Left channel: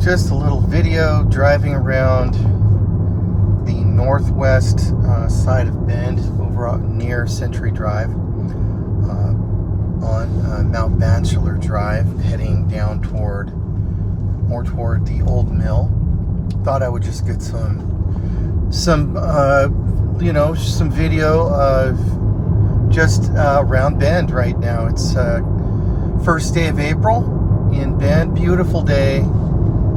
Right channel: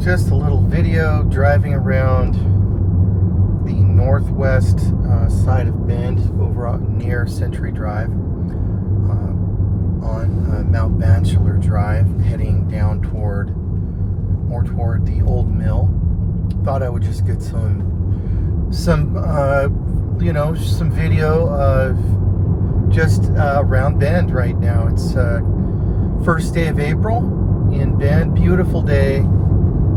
just a little video driving around the northwest side of Bend over near Century Drive on Mount Bachelor Drive, heading down more toward the old mill. Thought I would just get some video of just around Bend right now. It's first day of April in Bend. Beautiful day,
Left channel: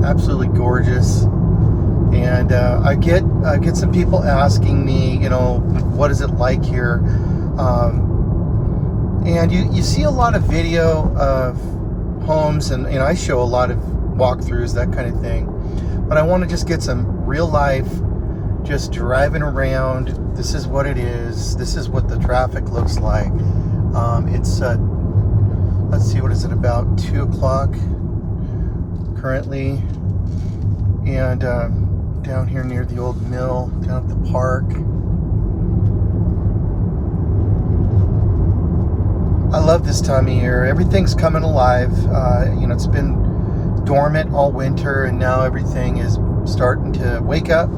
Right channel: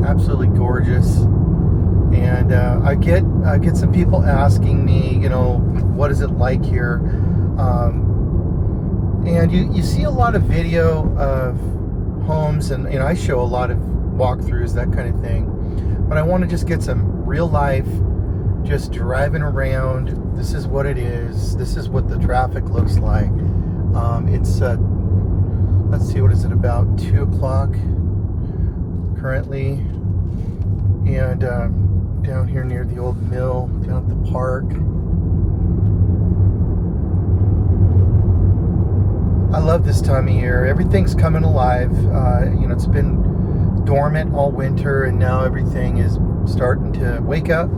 absolutely gorgeous. And I get some people asking me, what is it like here? And you see a lot of video of homes, and I show a lot of walkthroughs, that kind of thing. But I want to just get some real life, just driving around. This is what it is. This is what the traffic looks like. It's let's see, what is it, about 2 o'clock currently, and down here near the old mill, down at the park. I love this time of year. Everything's coming alive. It's been dormant all winter, and now everything is starting to wake up.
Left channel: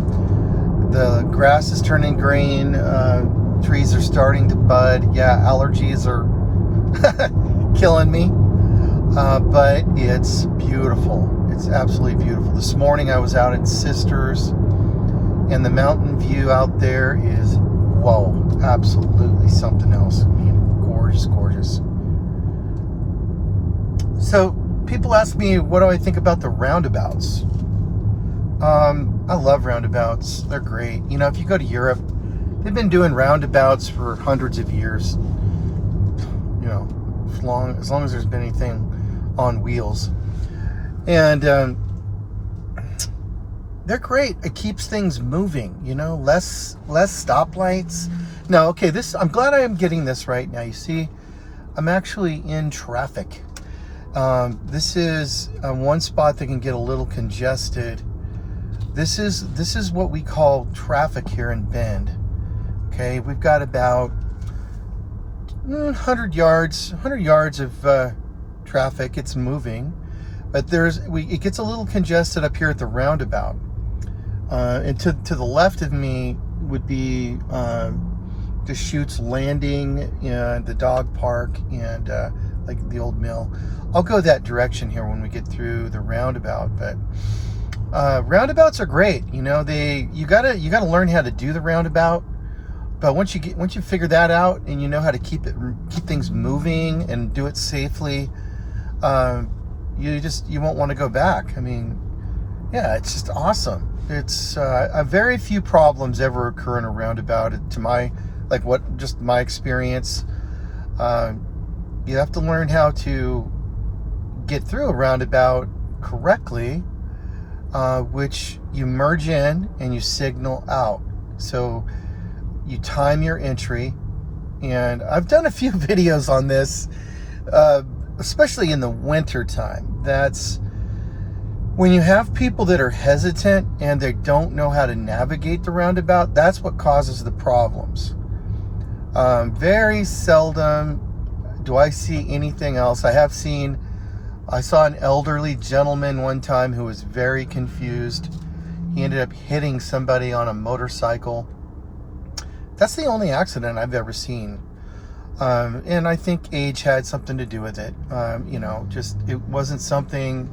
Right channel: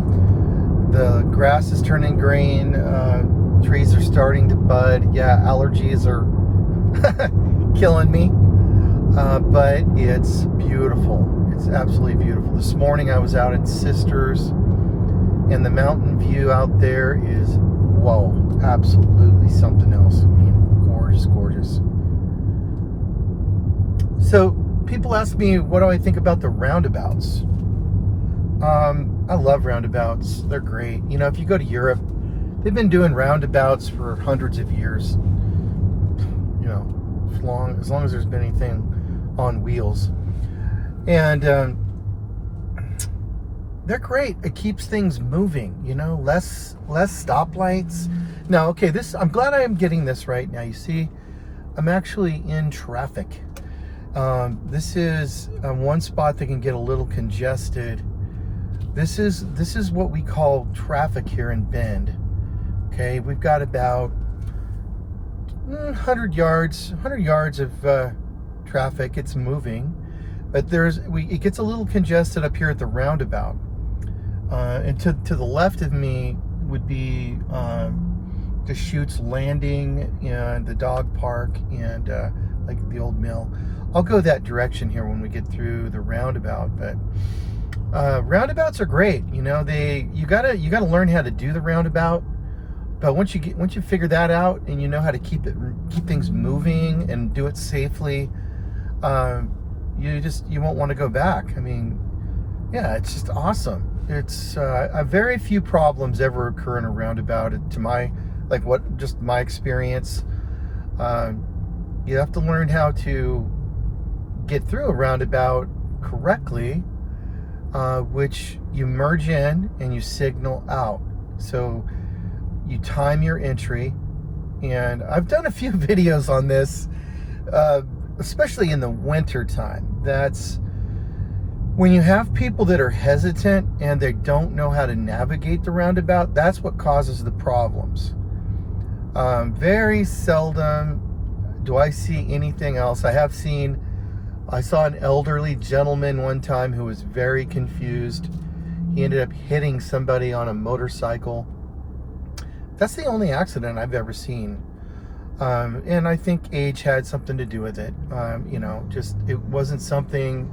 The grass is turning green. Trees are starting to bud. Yeah, allergies are killing me. But it's beautiful. It's absolutely beautiful. This morning I was out at Sisters, and the mountain view out there is, whoa, absolutely something else. Gorgeous. So people ask me, what do I think about the roundabouts? I love roundabouts. They're great. If you go to Europe, they've been doing roundabouts for hundreds of years. As long as there's been anything on wheels. And they're great. It keeps things moving, less stoplights. Now, okay, I'm glad I am getting this right now. You see, I'm actually in traffic. This is one spot that can get a little congested. This is what we call traffic here in Bend. Okay, we've got about 100 yards of traffic. It's moving, but it gets a little congested up here at the roundabout. And to the left of me would be the Chutes Landing and the dog park and like the old mill. I'll go that direction here when we get through the roundabout. But roundabouts are great. You gotta learn how to do the roundabout. But once you figure that out, and you know how to keep things moving and do it safely, you won't want to go back. I mean, yeah, it's just awesome. It's very few problems ever occur in a roundabout, to my experience. You have to learn how to get through a roundabout correctly, which you merge in and you signal out. So you time your entry, and I've done a few videos on this, especially in the winter time. That's when you have people that are hesitant and they don't know how to navigate the roundabout. That's what causes the problems. Very seldom do I see anything else. I saw an elderly gentleman one time who was very confused. He ended up hitting somebody on a motorcycle. That's the only accident I've ever seen. And I think age had something to do with it. Just it wasn't something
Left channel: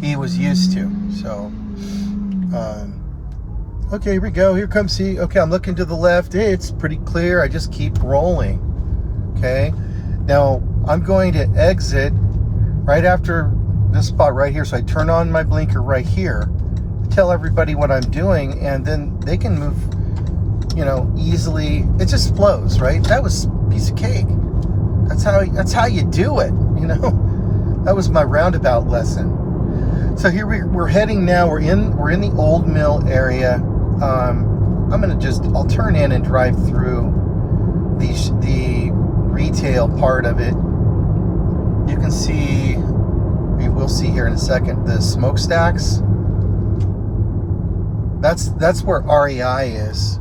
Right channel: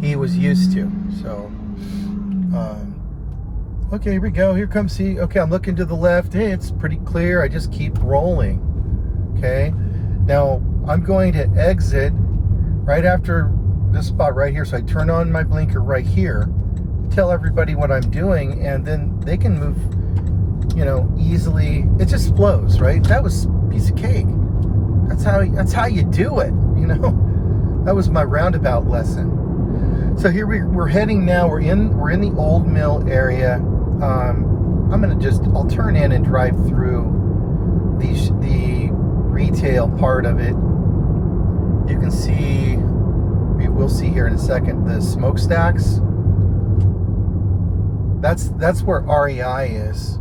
he was used to. So, okay, here we go. Here comes he. Okay, I'm looking to the left. Hey, it's pretty clear. I just keep rolling. Okay. Now, I'm going to exit right after this spot right here. So I turn on my blinker right here, tell everybody what I'm doing, and then they can move, easily. It just flows, right? That was a piece of cake. That's how you do it, That was my roundabout lesson. So here we're heading now. We're in the old mill area. I'll turn in and drive through the retail part of it. You can see, we'll see here in a second, the smokestacks. That's where REI is.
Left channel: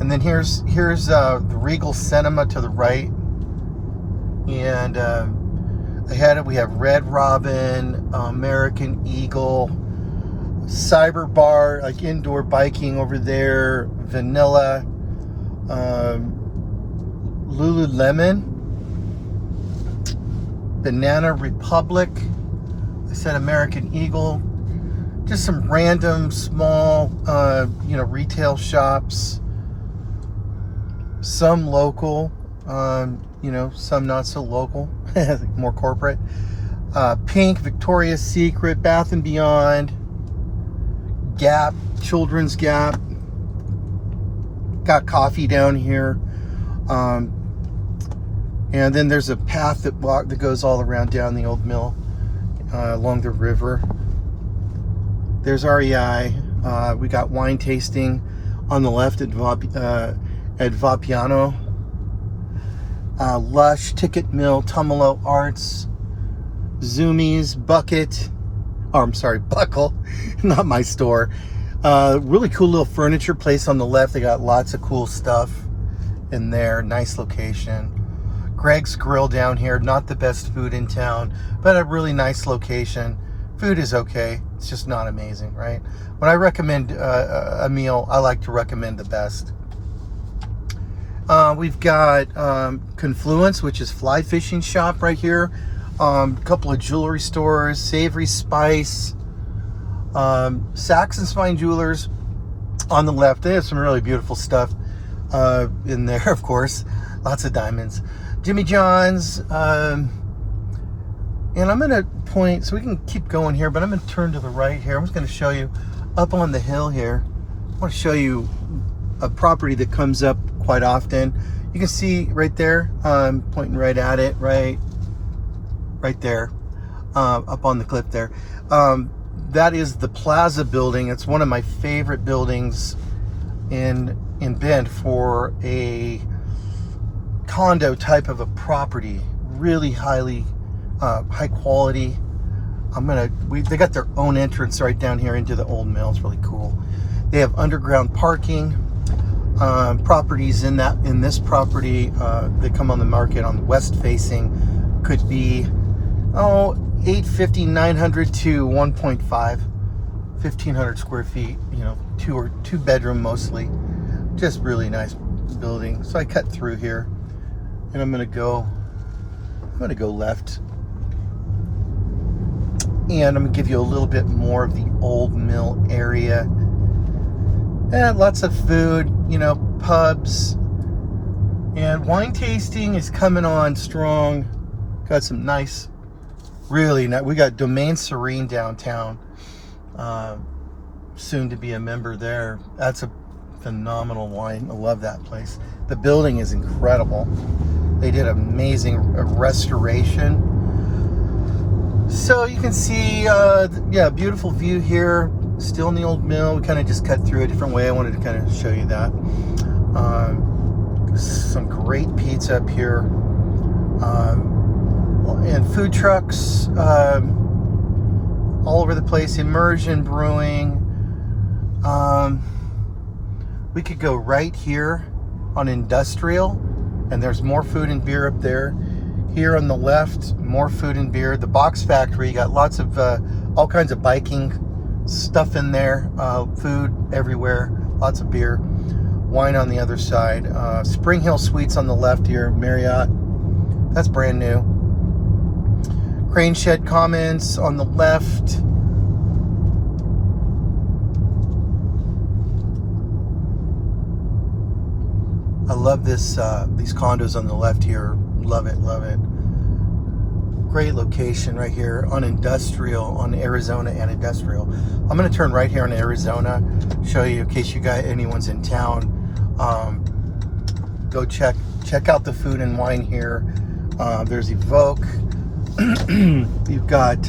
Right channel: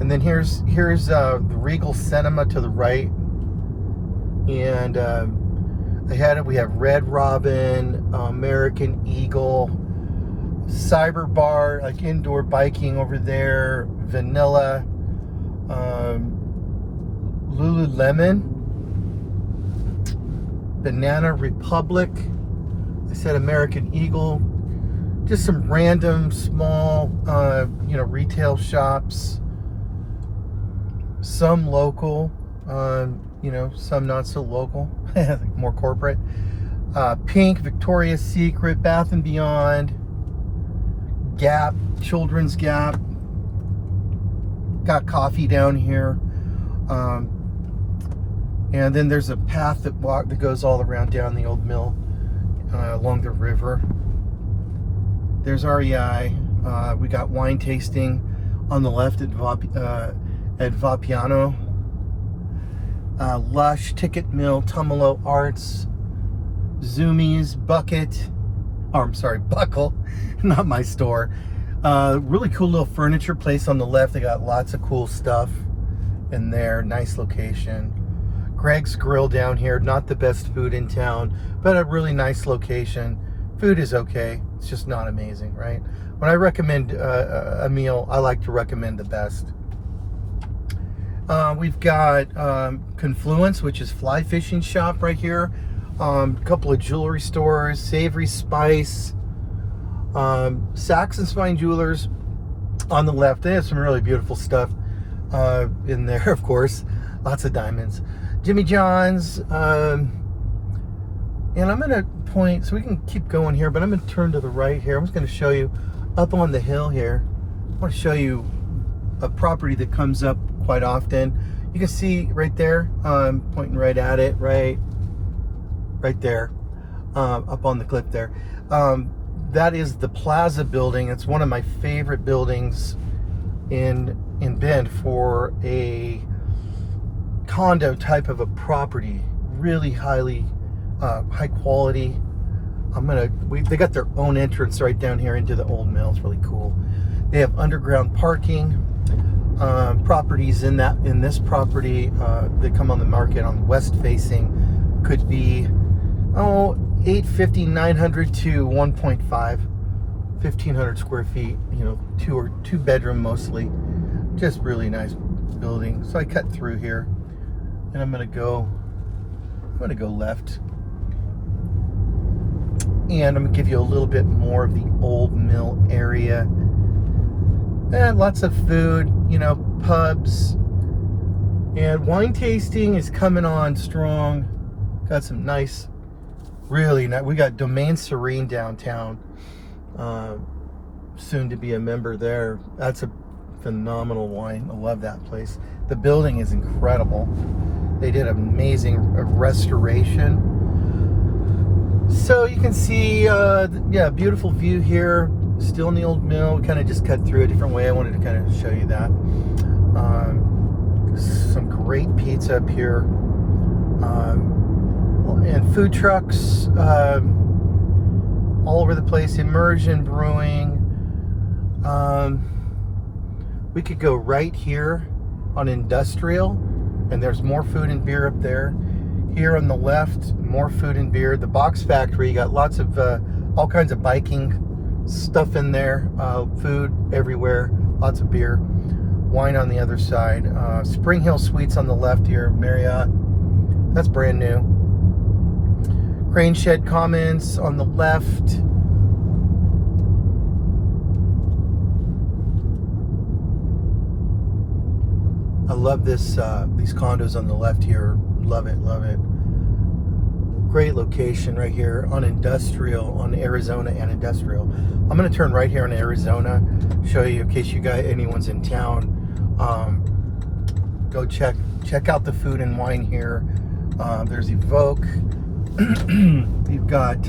And then here's the Regal Cinema to the right. And we have Red Robin, American Eagle, cyber bar, like indoor biking over there. Vanilla, Lululemon, Banana Republic. I said American Eagle. Just some random small, retail shops. Some local, some not so local, more corporate. Pink, Victoria's Secret, Bath and Beyond, Gap, Children's Gap. Got coffee down here. And then there's a path that goes all around down the old mill, along the river. There's REI. We got wine tasting on the left at Vapiano. Lush, Ticket Mill, Tumalo Arts, Zoomies, Bucket. Oh, I'm sorry, Buckle, not my store. Really cool little furniture place on the left. They got lots of cool stuff in there. Nice location. Greg's Grill down here. Not the best food in town, but a really nice location. Food is okay. It's just not amazing, right? When I recommend a meal, I like to recommend the best. We've got Confluence, which is fly fishing shop right here. A couple of jewelry stores, Savory Spice, Saks and Spine Jewelers on the left. They have some really beautiful stuff in there, of course. Lots of diamonds. Jimmy John's. And I'm going to point, so we can keep going here, but I'm going to turn to the right here. I'm just going to show you up on the hill here. I want to show you a property that comes up quite often. You can see right there, pointing right at it, right there, up on the cliff there. That is the Plaza building. It's one of my favorite buildings in Bend for a condo type of a property. Really high quality. They got their own entrance right down here into the old mill. It's really cool. They have underground parking. Properties in this property that come on the market on the west facing could be 850, 900 to 1.5, 1,500 square feet. Two bedroom mostly. Just really nice building. So I cut through here, and I'm gonna go left. And I'm gonna give you a little bit more of the old mill area. And lots of food, pubs. And wine tasting is coming on strong. Got some nice, really nice. We got Domaine Serene downtown. Soon to be a member there. That's a phenomenal wine. I love that place. The building is incredible. They did amazing restoration. So you can see, beautiful view here. Still in the old mill. We kind of just cut through a different way. I wanted to kind of show you that. Some great pizza up here. And food trucks all over the place. Immersion Brewing. We could go right here on Industrial, and there's more food and beer up there. Here on the left, more food and beer. The Box Factory, you got lots of all kinds of biking stuff in there. Food everywhere, lots of beer. Wine on the other side. Spring Hill Suites on the left here, Marriott. That's brand new. Crane Shed Commons on the left. I love this, these condos on the left here. Love it, love it. Great location right here on Industrial, on Arizona and Industrial. I'm gonna turn right here on Arizona, show you in case anyone's in town. Go check out the food and wine here. There's Evoke. You've got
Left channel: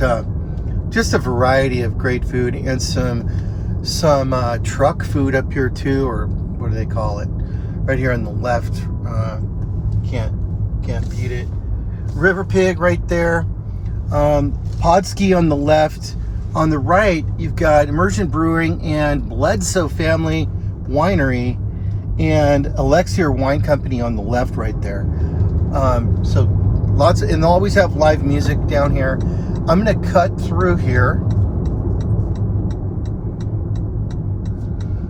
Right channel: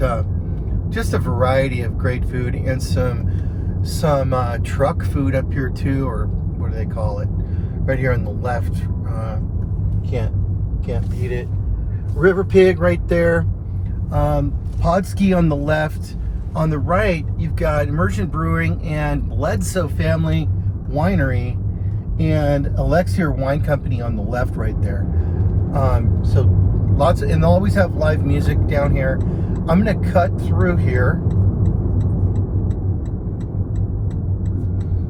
just a variety of great food and some truck food up here too, or what do they call it? Right here on the left. Can't beat it. River Pig right there. Podski on the left. On the right, you've got Immersion Brewing and Bledsoe Family Winery and Elixir Wine Company on the left right there. So lots of, and they'll always have live music down here. I'm gonna cut through here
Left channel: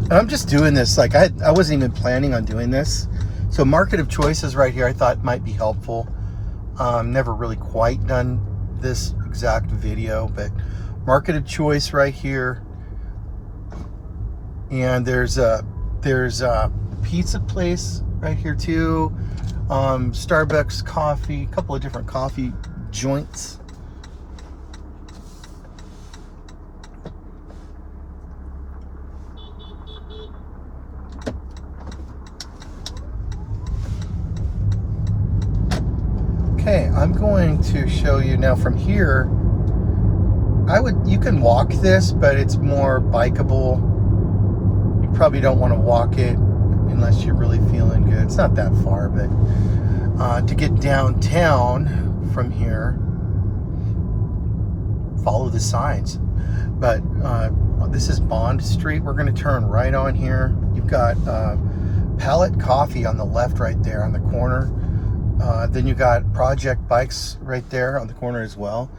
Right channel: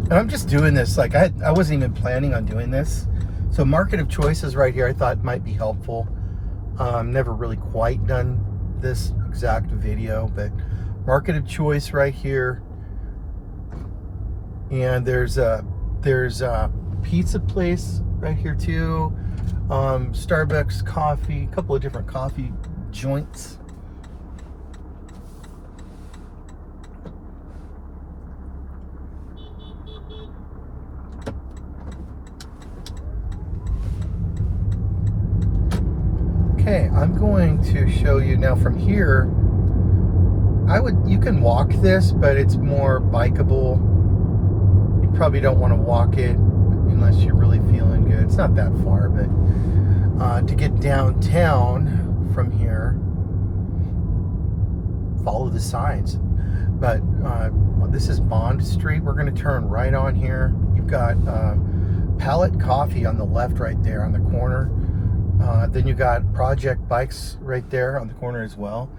And I'm just doing this, like I wasn't even planning on doing this. So market of choices right here I thought might be helpful. Never really quite done this exact video, but market of choice right here. And there's a pizza place right here too. Starbucks coffee, a couple of different coffee joints. Okay, I'm going to show you now from here. You can walk this, but it's more bikeable. You probably don't want to walk it unless you're really feeling good. It's not that far, but to get downtown from here, follow the signs. But this is Bond Street. We're going to turn right on here. You've got Pallet Coffee on the left right there on the corner. Then you got Project Bikes right there on the corner as well.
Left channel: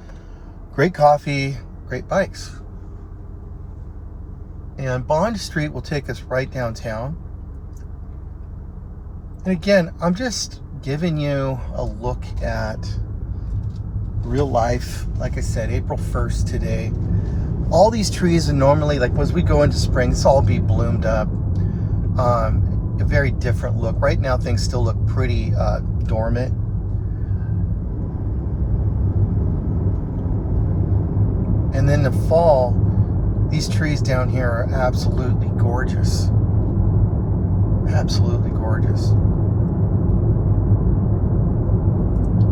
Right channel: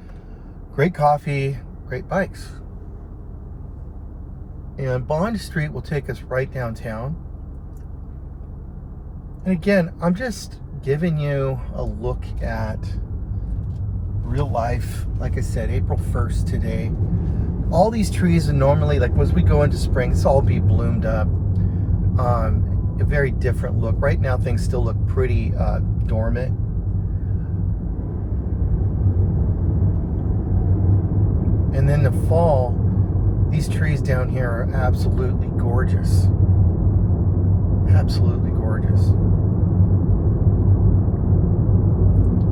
Great coffee, great bikes. And Bond Street will take us right downtown. And again, I'm just giving you a look at real life. Like I said, April 1st today. All these trees, and normally, like as we go into spring, this all be bloomed up. A very different look. Right now, things still look pretty dormant. And then the fall, these trees down here are absolutely gorgeous. Absolutely gorgeous.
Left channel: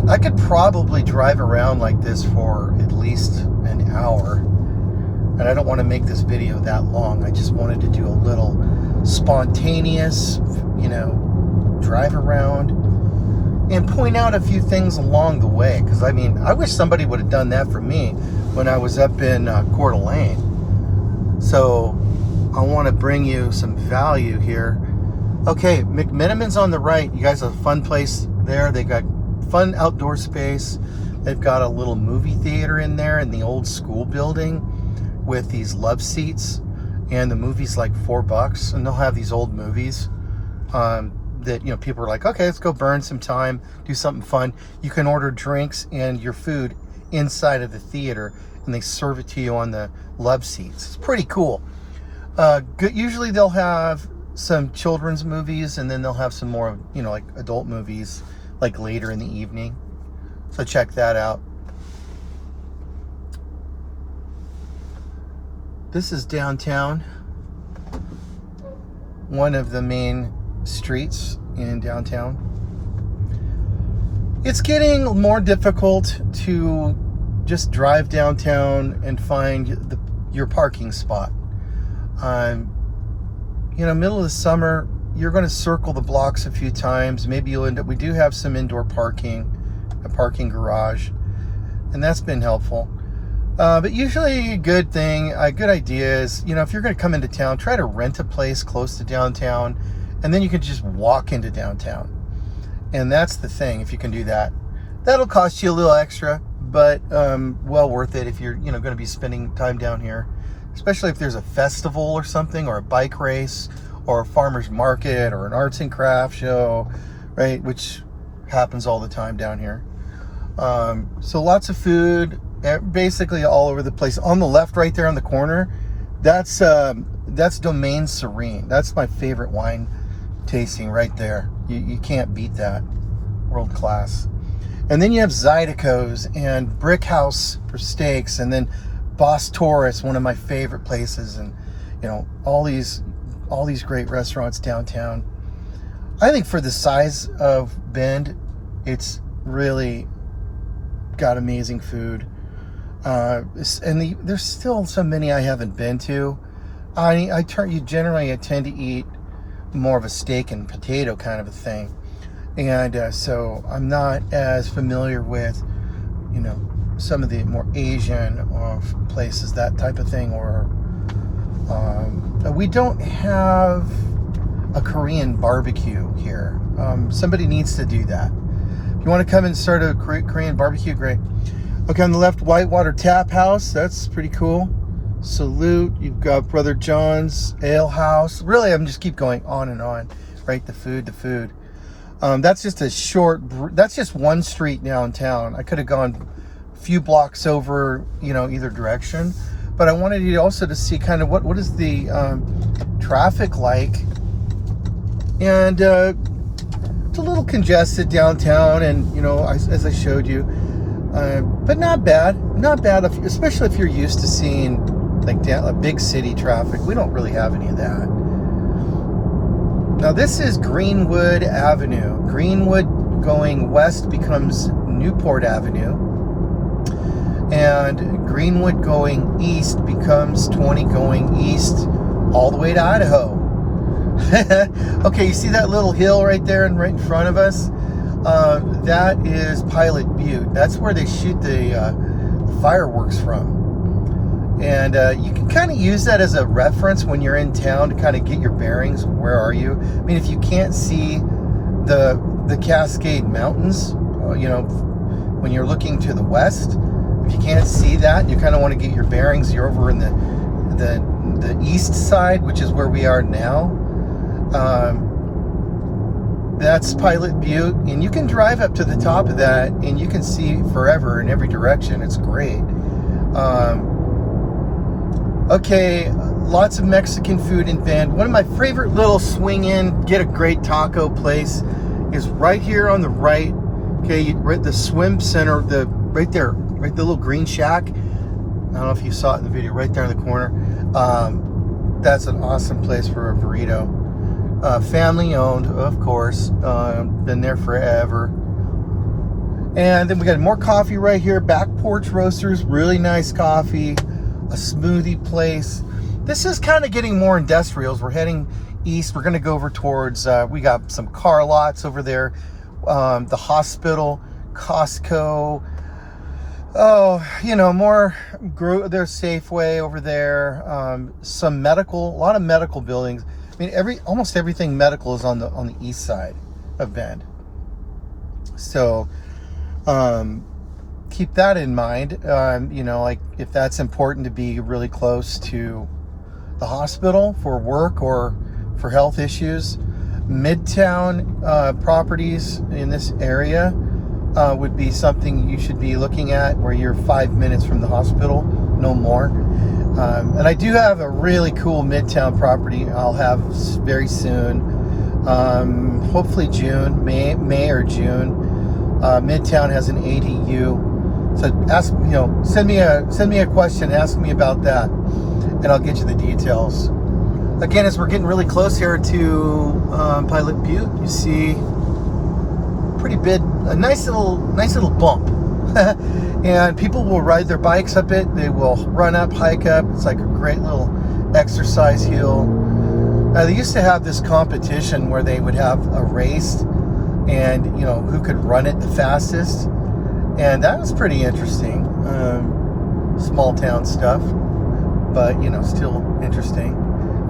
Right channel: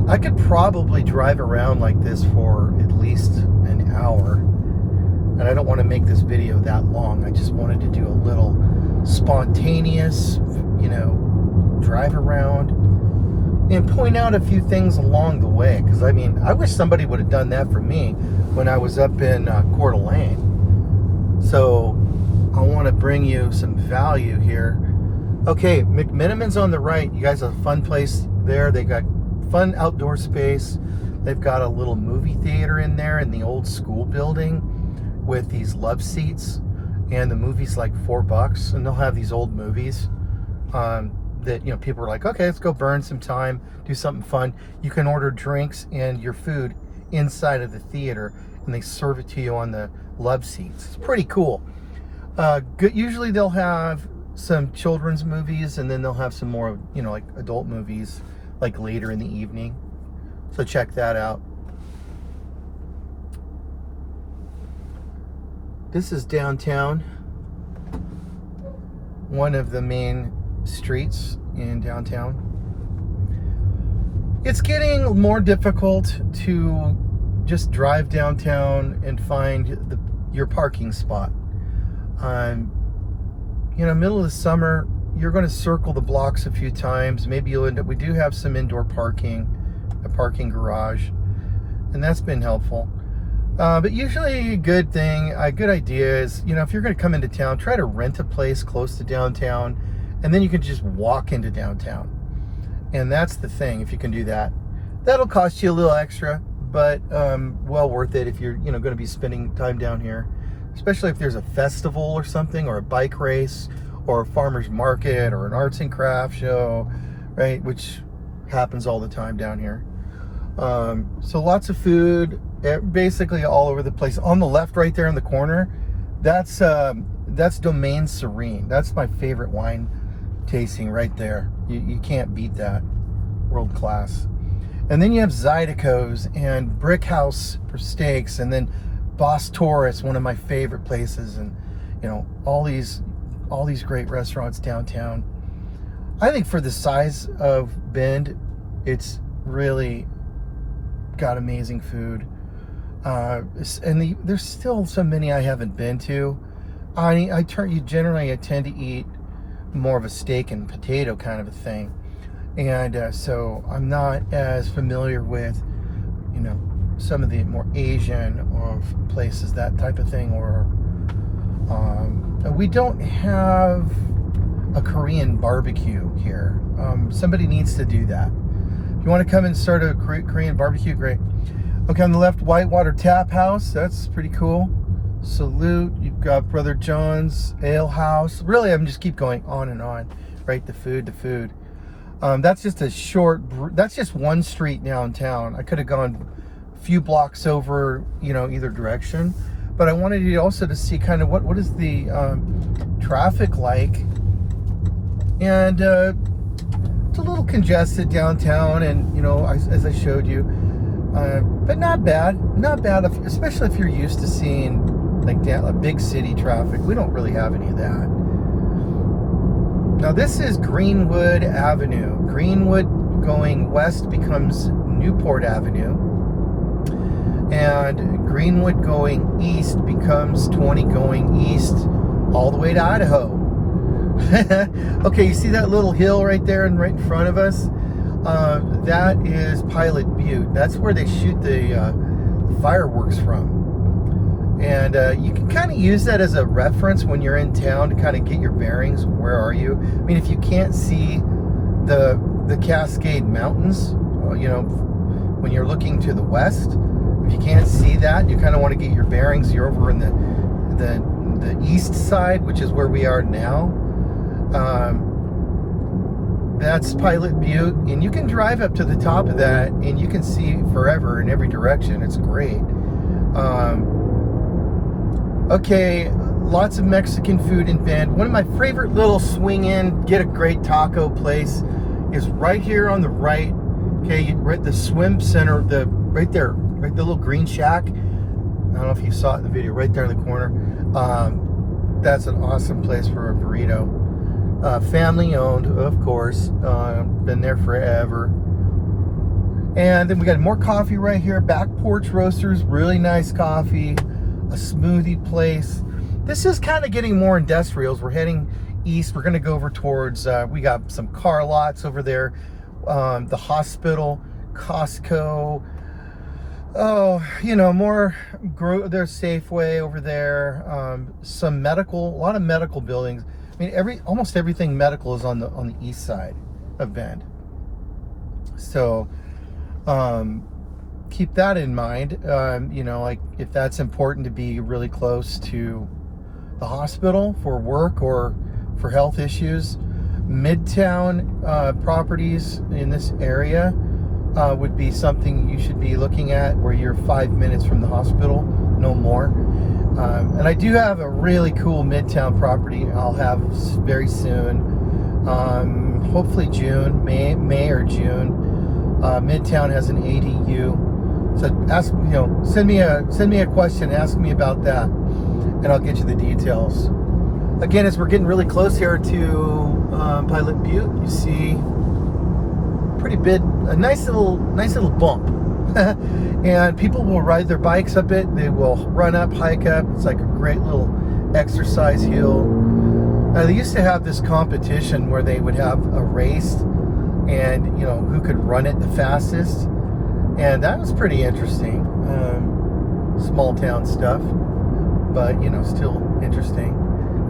I could probably drive around like this for at least an hour. And I don't want to make this video that long. I just wanted to do a little spontaneous, drive around and point out a few things along the way. Because I mean, I wish somebody would have done that for me when I was up in Coeur d'Alene. So I want to bring you some value here. Okay, McMiniman's on the right. You guys have a fun place there. They got fun outdoor space. They've got a little movie theater in there in the old school building with these love seats, and the movie's like $4, and they'll have these old movies that people are like, okay, let's go burn some time, do something fun. You can order drinks and your food inside of the theater, and they serve it to you on the love seats. It's pretty cool. Good. Usually they'll have some children's movies, and then they'll have some more like adult movies like later in the evening. So check that out. This is downtown, one of the main streets in downtown. It's getting more difficult to just drive downtown and find your parking spot. Middle of the summer, you're going to circle the blocks a few times. Maybe you'll end up, we do have some indoor parking, a parking garage, and that's been helpful. But usually a good idea is, if you're going to come into town, try to rent a place close to downtown, and then you can just walk into downtown. And that's the thing, if you can do that. That'll cost you a little extra, but well worth it if you're, going to be spending time down here. Especially if there's a festival or something, or a bike race, or a farmer's market, or an arts and craft show, right? Which happens all the time down here. So lots of food, basically all over the place. On the left, right there on the corner, that's Domaine Serene. That's my favorite wine tasting right there. You can't beat that. World class. And then you have Zydeco's and Brick House for steaks, and then Boss Taurus, one of my favorite places, and all these great restaurants downtown. I think for the size of Bend, it's really got amazing food. And there's still so many I haven't been to. I tend to eat more of a steak and potato kind of a thing, and so I'm not as familiar with some of the more Asian places, that type of thing. Or we don't have a Korean barbecue here. Somebody needs to do that. If you want to come and start a Korean barbecue, great. Okay, on the left, Whitewater Tap House. That's pretty cool. Salute. You've got Brother John's Ale House. Really, I'm just keep going on and on. Right, the food. That's just that's just one street downtown. I could have gone a few blocks over, either direction. But I wanted you also to see kind of what is the traffic like. And it's a little congested downtown, and, as I showed you. But not bad, especially if you're used to seeing like a big city traffic. We don't really have any of that. Now this is Greenwood Avenue. Greenwood going west becomes Newport Avenue, and Greenwood going east becomes 20 going east all the way to Idaho. Okay, you see that little hill right there and right in front of us? That is Pilot Butte. That's where they shoot the fireworks from. And you can kind of use that as a reference when you're in town to kind of get your bearings. Where are you? I mean, if you can't see the Cascade Mountains, when you're looking to the west, if you can't see that and you kind of want to get your bearings, you're over in the east side, which is where we are now. That's Pilot Butte, and you can drive up to the top of that and you can see forever in every direction. It's great. Okay, lots of Mexican food in Bend. One of my favorite little swing in, get a great taco place is right here on the right. Okay, right, the swim center, right there, right, the little green shack. I don't know if you saw it in the video, right there in the corner. That's an awesome place for a burrito. Family owned, of course. Been there forever. And then we got more coffee right here. Back Porch Roasters, really nice coffee. A smoothie place. This is kind of getting more industrials. We're heading east. We're going to go over towards, we got some car lots over there. The hospital, Costco. Oh, more, there's Safeway over there. Some medical, a lot of medical buildings. I mean, almost everything medical is on the east side of Bend. So, keep that in mind. Like if that's important to be really close to the hospital for work or for health issues. Midtown properties in this area would be something you should be looking at, where you're 5 minutes from the hospital, no more. And I do have a really cool Midtown property I'll have very soon. Hopefully June, May or June. Midtown has an ADU. So send me a question, ask me about that, and I'll get you the details. Again, as we're getting really close here to Pilot Butte, you see a nice little bump. And people will ride their bikes up it. They will run up, hike up. It's like a great little exercise hill. They used to have this competition where they would have a race, and who could run it the fastest. And that was pretty interesting. Small town stuff, but still interesting.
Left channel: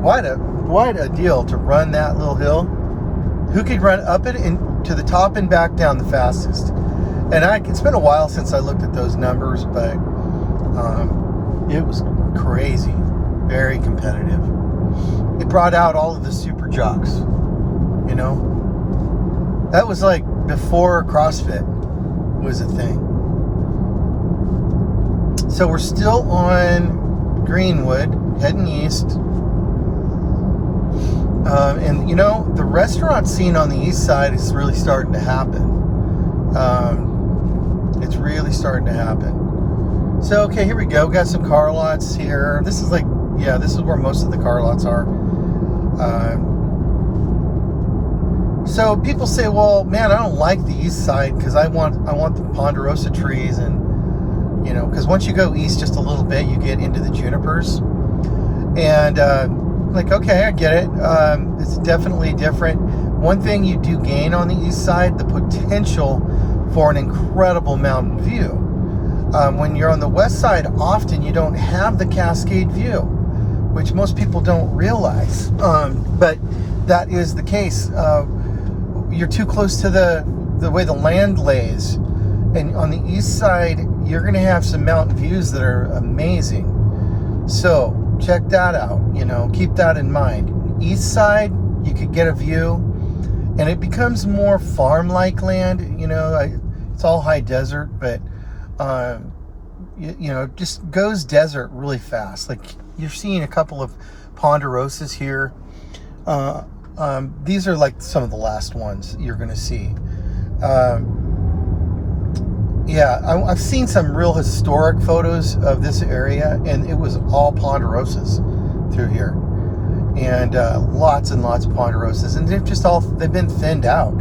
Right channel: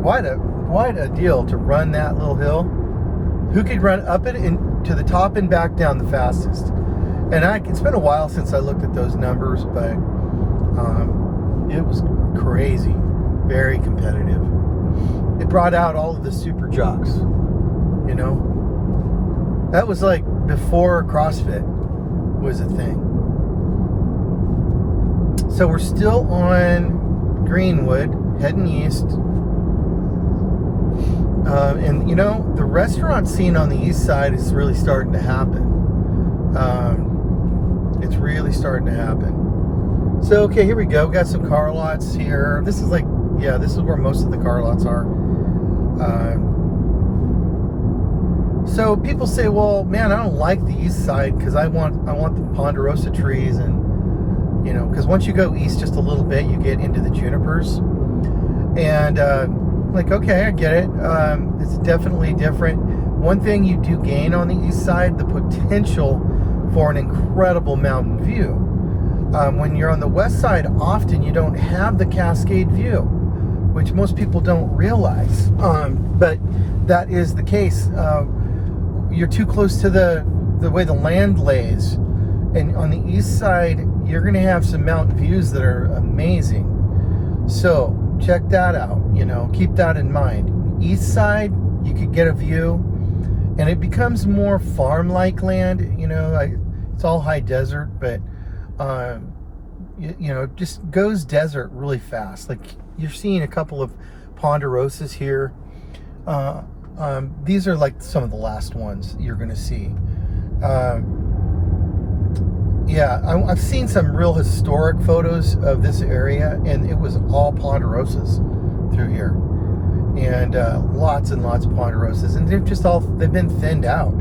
Quite a deal to run that little hill. Who could run up it and to the top and back down the fastest? And it's been a while since I looked at those numbers, but it was crazy, very competitive. It brought out all of the super jocks. That was like before CrossFit was a thing. So we're still on Greenwood, heading east. And the restaurant scene on the east side is really starting to happen. It's really starting to happen. So, okay, here we go. Got some car lots here. This is this is where most of the car lots are. So people say, well, man, I don't like the east side because I want the ponderosa trees, and because once you go east just a little bit, you get into the junipers. And okay, I get it. It's definitely different. One thing you do gain on the east side, the potential for an incredible mountain view. When you're on the west side, often you don't have the Cascade view, which most people don't realize. But that is the case. You're too close to the way the land lays. And on the east side, you're going to have some mountain views that are amazing. So check that out, keep that in mind. Eastside, you could get a view, and it becomes more farm-like land. It's all high desert, but it just goes desert really fast. Like, you're seeing a couple of ponderosas here. These are like some of the last ones you're gonna see. I've seen some real historic photos of this area, and it was all ponderosas through here, and lots and lots of ponderosas, and they've been thinned out.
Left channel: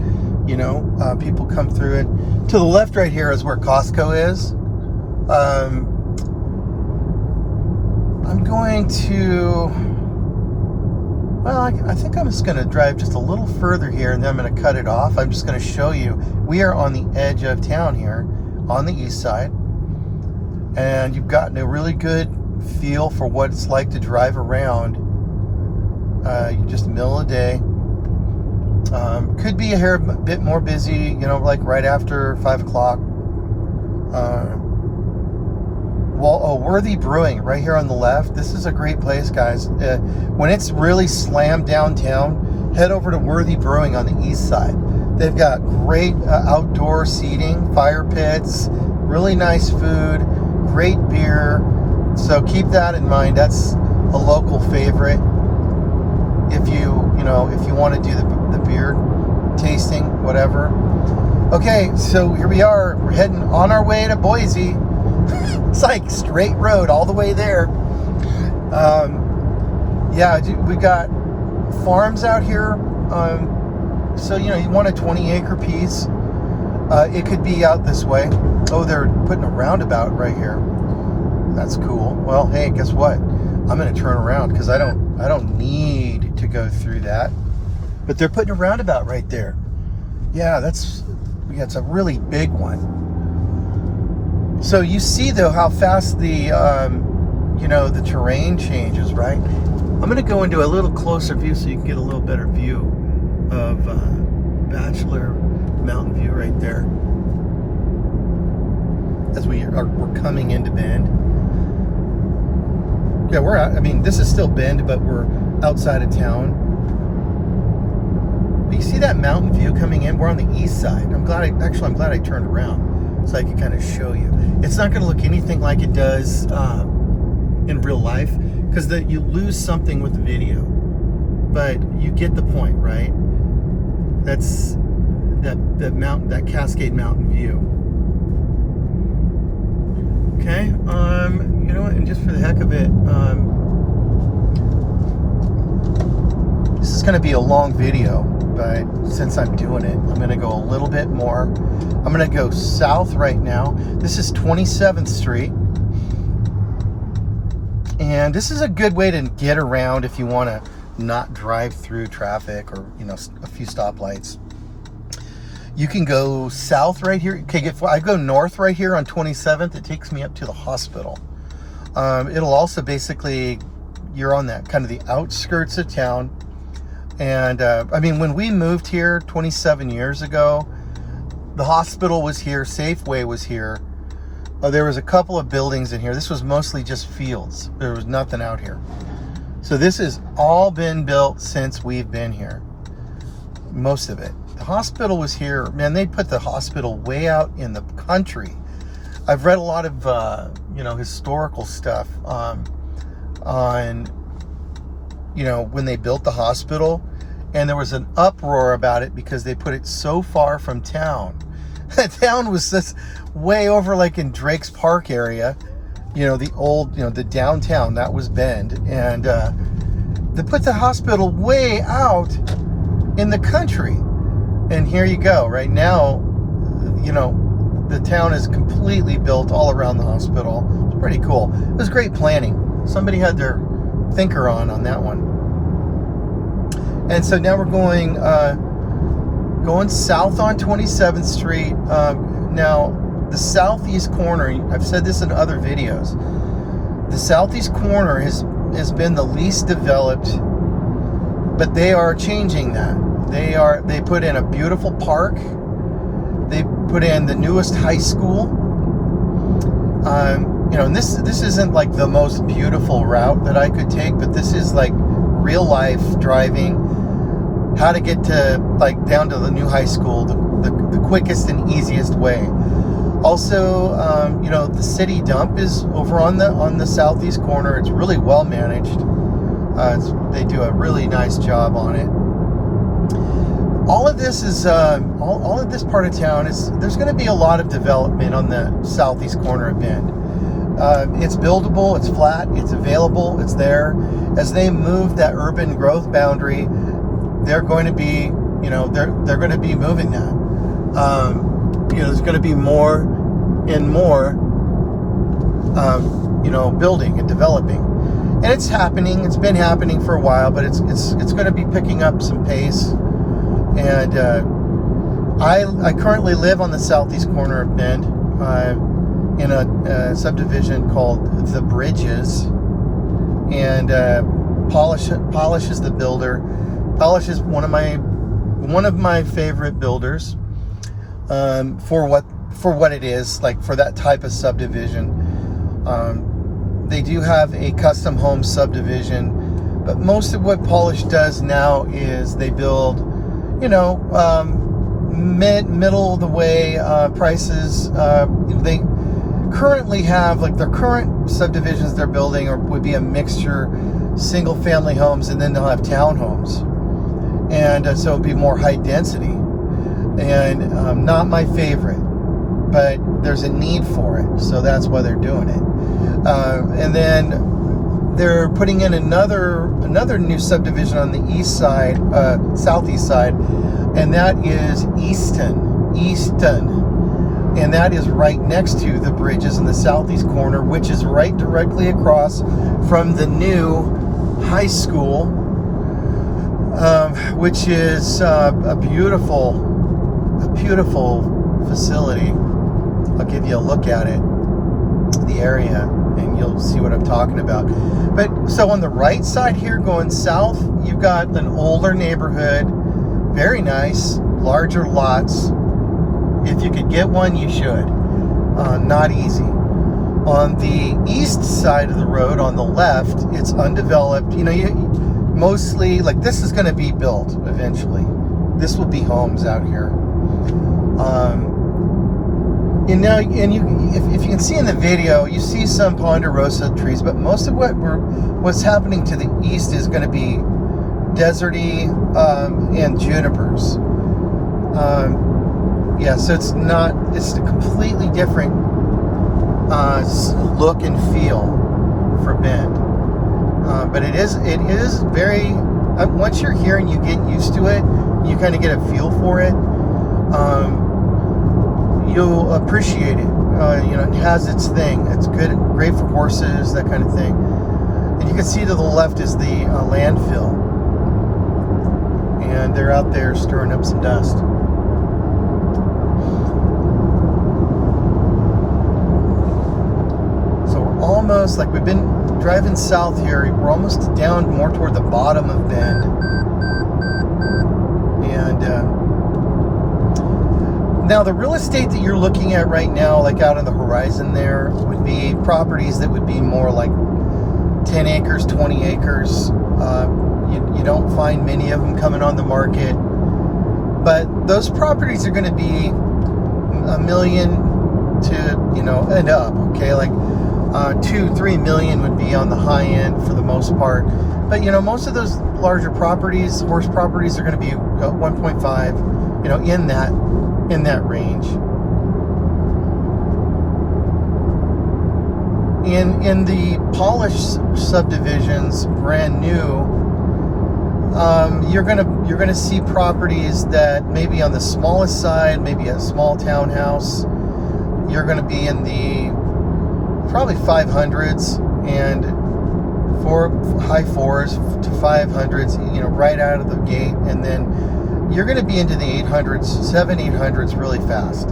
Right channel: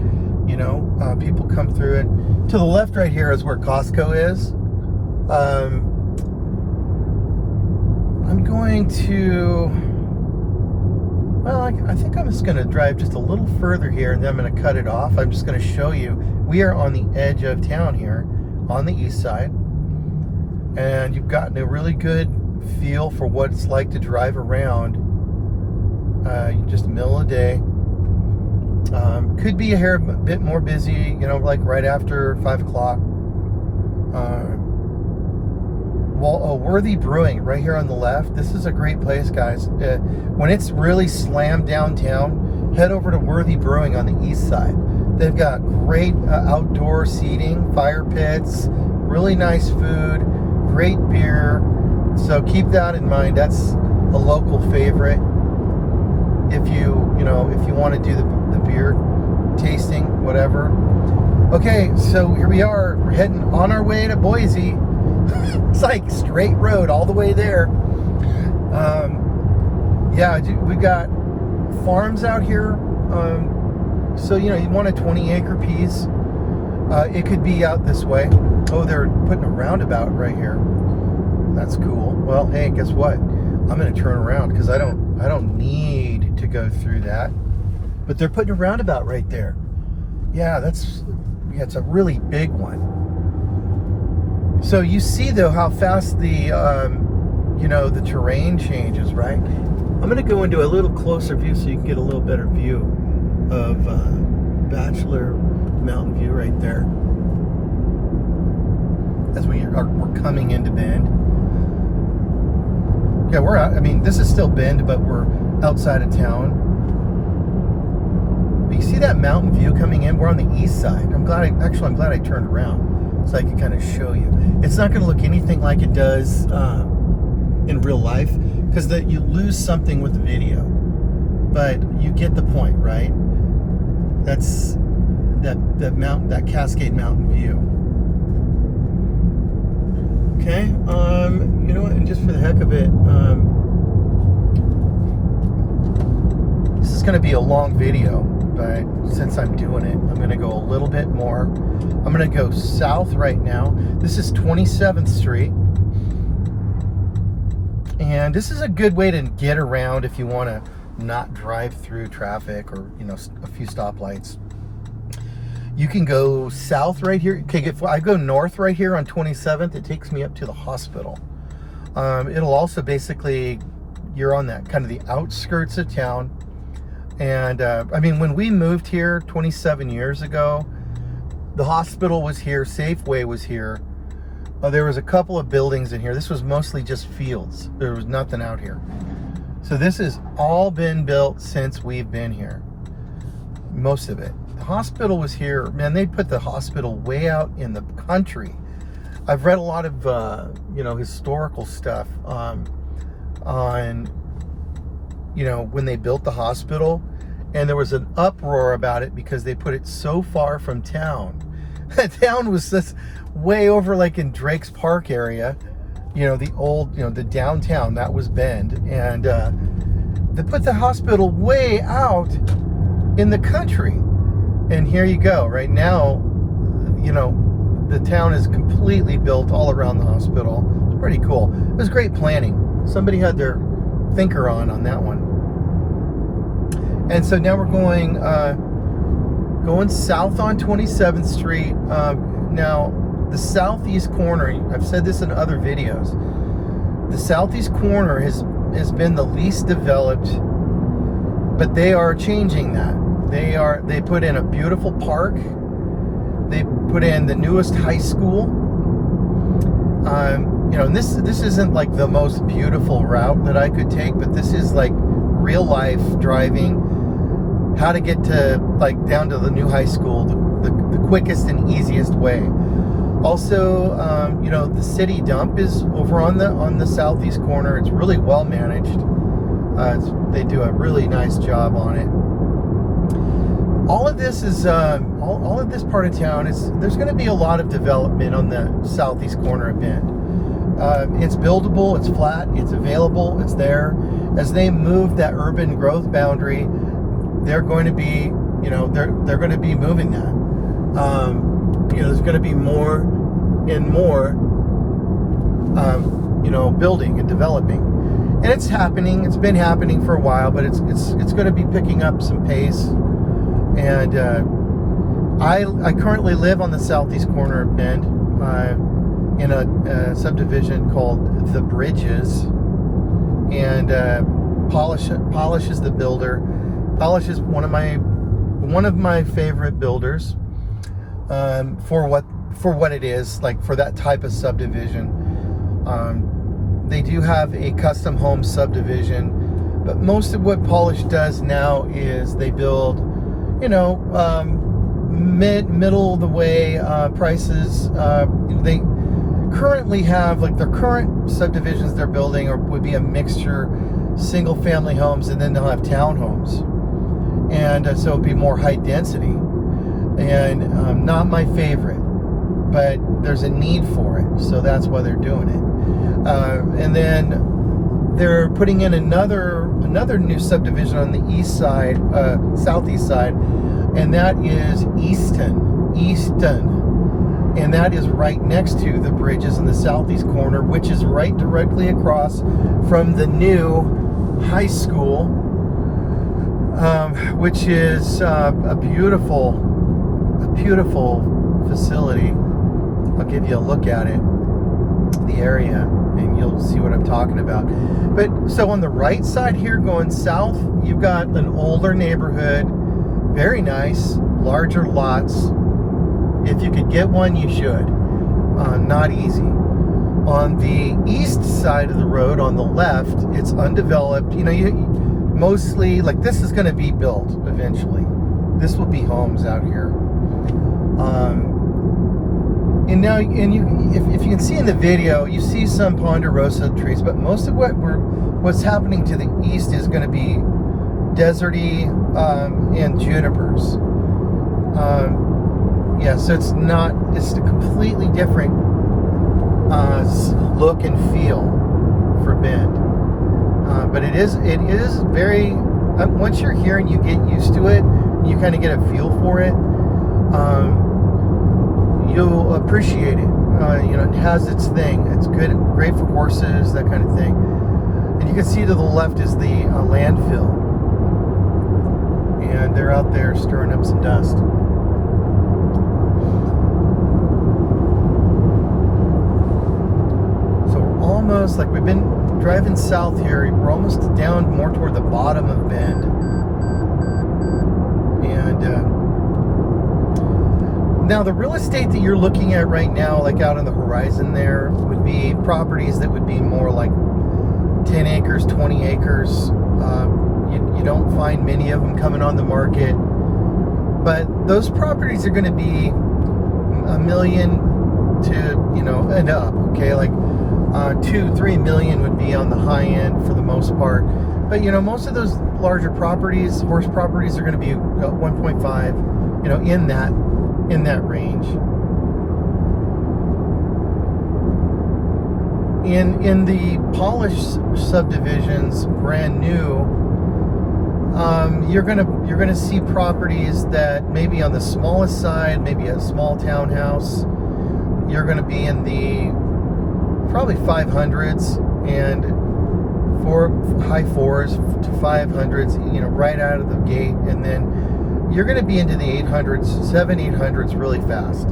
People come through it. To the left right here is where Costco is. I'm going to, I think I'm just going to drive just a little further here, and then I'm going to cut it off. I'm just going to show you. We are on the edge of town here on the east side, and you've gotten a really good feel for what it's like to drive around. Just the middle of the day. Could be a bit more busy, like right after 5 o'clock. Worthy Brewing right here on the left. This is a great place, guys. When it's really slammed downtown, head over to Worthy Brewing on the east side. They've got great outdoor seating, fire pits, really nice food, great beer. So keep that in mind. That's a local favorite. If you want to do the beer tasting, whatever. Okay, so here we are. We're heading on our way to Boise. It's like straight road all the way there. We got farms out here. So you want a 20-acre piece. It could be out this way. Oh, they're putting a roundabout right here. That's cool. Well, hey, guess what? I'm gonna turn around because I don't need to go through that. But they're putting a roundabout right there. Yeah, it's a really big one. So you see though how fast the the terrain changes, right? I'm gonna go into a little closer view so you can get a little better view of Bachelor Mountain View right there. As we're coming into Bend. Yeah, this is still Bend, but we're outside of town. But you see that mountain view coming in? We're on the east side. I'm glad I turned around so I could kind of show you. It's not going to look anything like it does in real life, because you lose something with the video. But you get the point, right? That's that Cascade Mountain view. Okay, you know what, and just for the heck of it, this is going to be a long video, but since I'm doing it, I'm going to go a little bit more. I'm going to go south right now. This is 27th Street, and this is a good way to get around if you want to not drive through traffic or a few stoplights. You can go south right here. Okay, if I go north right here on 27th, it takes me up to the hospital. It'll also basically, you're on that kind of the outskirts of town. And when we moved here 27 years ago, the hospital was here, Safeway was here. There was a couple of buildings in here. This was mostly just fields. There was nothing out here. So this has all been built since we've been here. Most of it. The hospital was here. Man, they put the hospital way out in the country. I've read a lot of, historical stuff on, when they built the hospital, and there was an uproar about it because they put it so far from town. The town was just way over, like in Drake's Park area, the old, the downtown, that was Bend. And they put the hospital way out in the country. And here you go. Right now, the town is completely built all around the hospital. It's pretty cool. It was great planning. Somebody had their thinker on that one. And so now we're going south on 27th Street. Now, the southeast corner, I've said this in other videos, the southeast corner has been the least developed, but they are changing that. They put in a beautiful park. They put in the newest high school. And and this isn't like the most beautiful route that I could take, but this is like real life driving, how to get to like down to the new high school the quickest and easiest way. Also, the city dump is over on the southeast corner. It's really well managed. They do a really nice job on it. All of this is all of this part of town there's going to be a lot of development on the southeast corner of Bend. It's buildable, it's flat, it's available, it's there. As they move that urban growth boundary, they're going to be, they're going to be moving that. There's going to be more and more, building and developing, and it's happening. It's been happening for a while, but it's going to be picking up some pace. And I currently live on the southeast corner of Bend, in a subdivision called The Bridges, and Polish is the builder. Polish is one of my favorite builders, for what it is, like for that type of subdivision. They do have a custom home subdivision, but most of what Polish does now is they build, middle of the way prices. They currently have, like, their current subdivisions they're building would be a mixture, single family homes, and then they'll have townhomes, and so it'd be more high density, and not my favorite, but there's a need for it, so that's why they're doing it. And then they're putting in another new subdivision on the east side, southeast side, and that is Easton, and that is right next to The Bridges in the southeast corner, which is right directly across from the new high school, which is a beautiful facility. I'll give you a look at it, the area, and you'll see what I'm talking about. But so on the right side here, going south, you've got an older neighborhood, very nice, larger lots. If you could get one, you should. Not easy. On the east side of the road, on the left, it's undeveloped. Mostly, like, this is going to be built eventually. This will be homes out here. If you can see in the video, you see some ponderosa trees, but most of what's happening to the east is going to be deserty, and junipers. So it's a completely different look and feel for Bend. But it is very, once you're here and you get used to it, you kind of get a feel for it, you'll appreciate it. It has its thing. It's great for horses, that kind of thing. And you can see to the left is the landfill, and they're out there stirring up some dust. So we're almost, like, we've been driving south here, we're almost down more toward the bottom of Bend, and now the real estate that you're looking at right now, like out on the horizon there, would be properties that would be more like 10 acres, 20 acres. You don't find many of them coming on the market, but those properties are going to be $1 million to, and up, okay? Like 2-3 million would be on the high end for the most part. But, most of those larger properties, horse properties, are going to be 1.5, in that range. In the Polish subdivisions, brand new, you're gonna see properties that maybe on the smallest side, maybe a small townhouse, you're gonna be in the probably 500s and high 4s to 500s, right out of the gate, and then you're gonna be into the 800s, 700-800s really fast.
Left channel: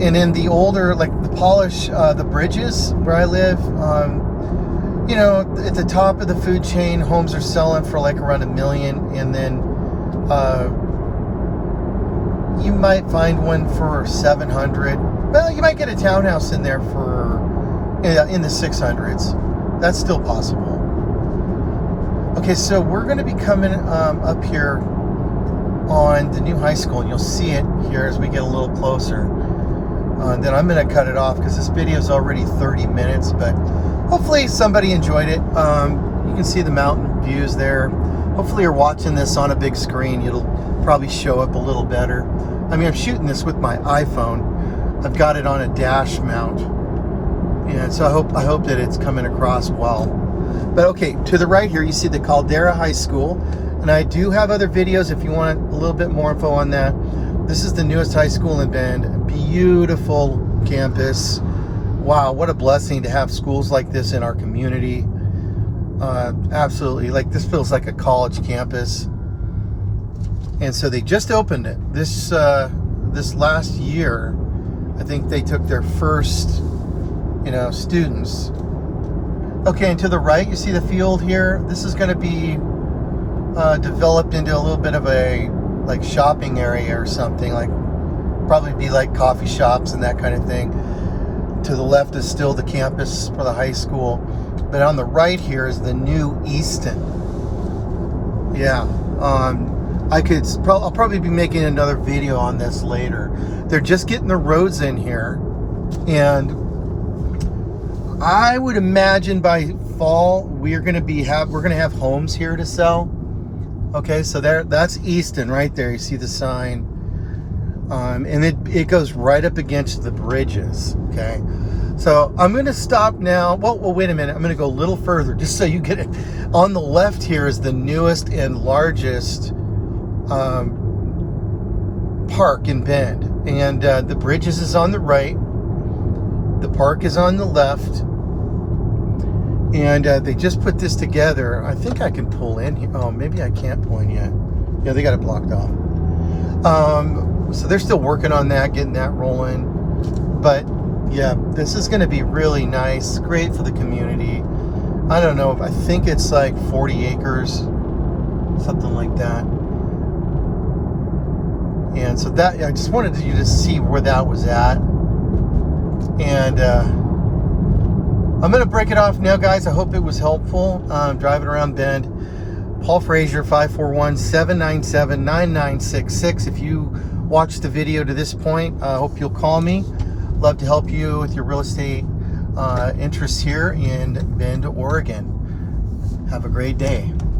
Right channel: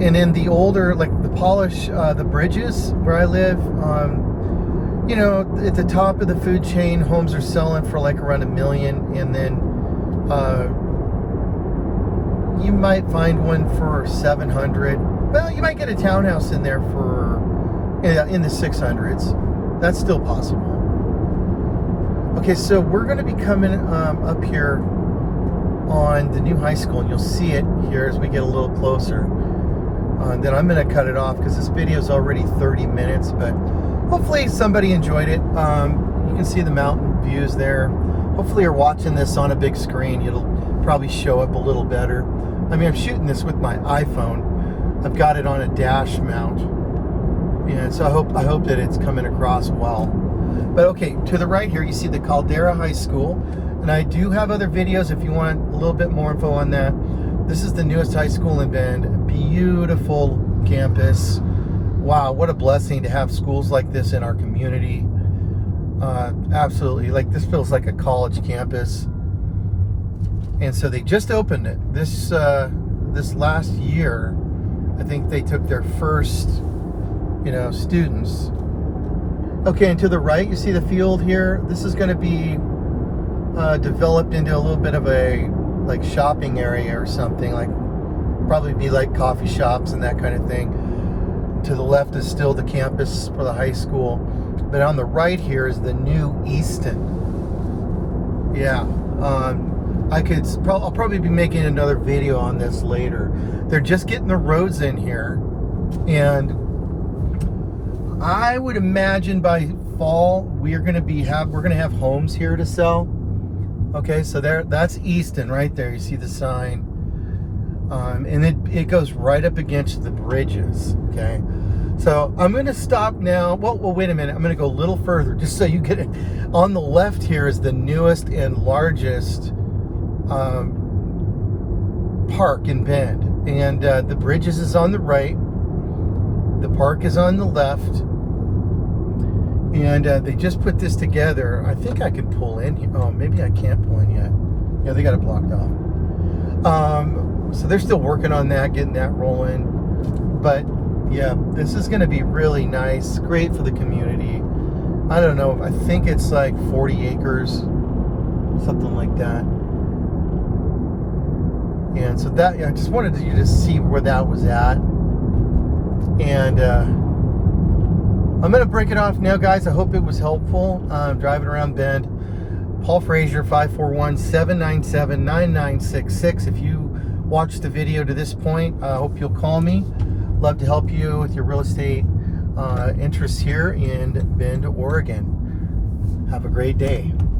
And in the older, like the Polish, the Bridges where I live, at the top of the food chain, homes are selling for like around $1 million, and then you might find one for 700. Well, you might get a townhouse in there for in the 600s. That's still possible. Okay, so we're going to be coming up here on the new high school, and you'll see it here as we get a little closer. Then I'm going to cut it off because this video is already 30 minutes, but hopefully somebody enjoyed it. You can see the mountain views there. Hopefully you're watching this on a big screen. It'll probably show up a little better. I mean, I'm shooting this with my iPhone. I've got it on a dash mount, and so I hope that it's coming across well. But okay, to the right here you see the Caldera High School, and I do have other videos if you want a little bit more info on that. This is the newest high school in Bend. Beautiful campus. Wow, what a blessing to have schools like this in our community. Absolutely, like this feels like a college campus. And so they just opened it this last year. I think they took their first, students. Okay, and to the right you see the field here. This is going to be developed into a little bit of a like shopping area or something, like probably be like coffee shops and that kind of thing. To the left is still the campus for the high school, but on the right here is the new Easton. Yeah, I'll probably be making another video on this later. They're just getting the roads in here, and I would imagine by fall we're gonna have homes here to sell. Okay, so that's Easton right there. You see the sign, and it goes right up against the bridges. Okay, so I'm going to stop now. Well, wait a minute. I'm going to go a little further just so you get it. On the left here is the newest and largest park in Bend, and the bridges is on the right. The park is on the left. And they just put this together. I think I can pull in here. Oh, maybe I can't pull in yet. Yeah, they got it blocked off. So they're still working on that, getting that rolling. But yeah, this is going to be really nice. Great for the community. I don't know. I think it's like 40 acres, something like that. And so that, I just wanted you to see where that was at. And I'm going to break it off now, guys. I hope it was helpful. Driving around Bend. Paul Frazier, 541-797-9966. If you watched the video to this point, I hope you'll call me. Love to help you with your real estate interests here in Bend, Oregon. Have a great day.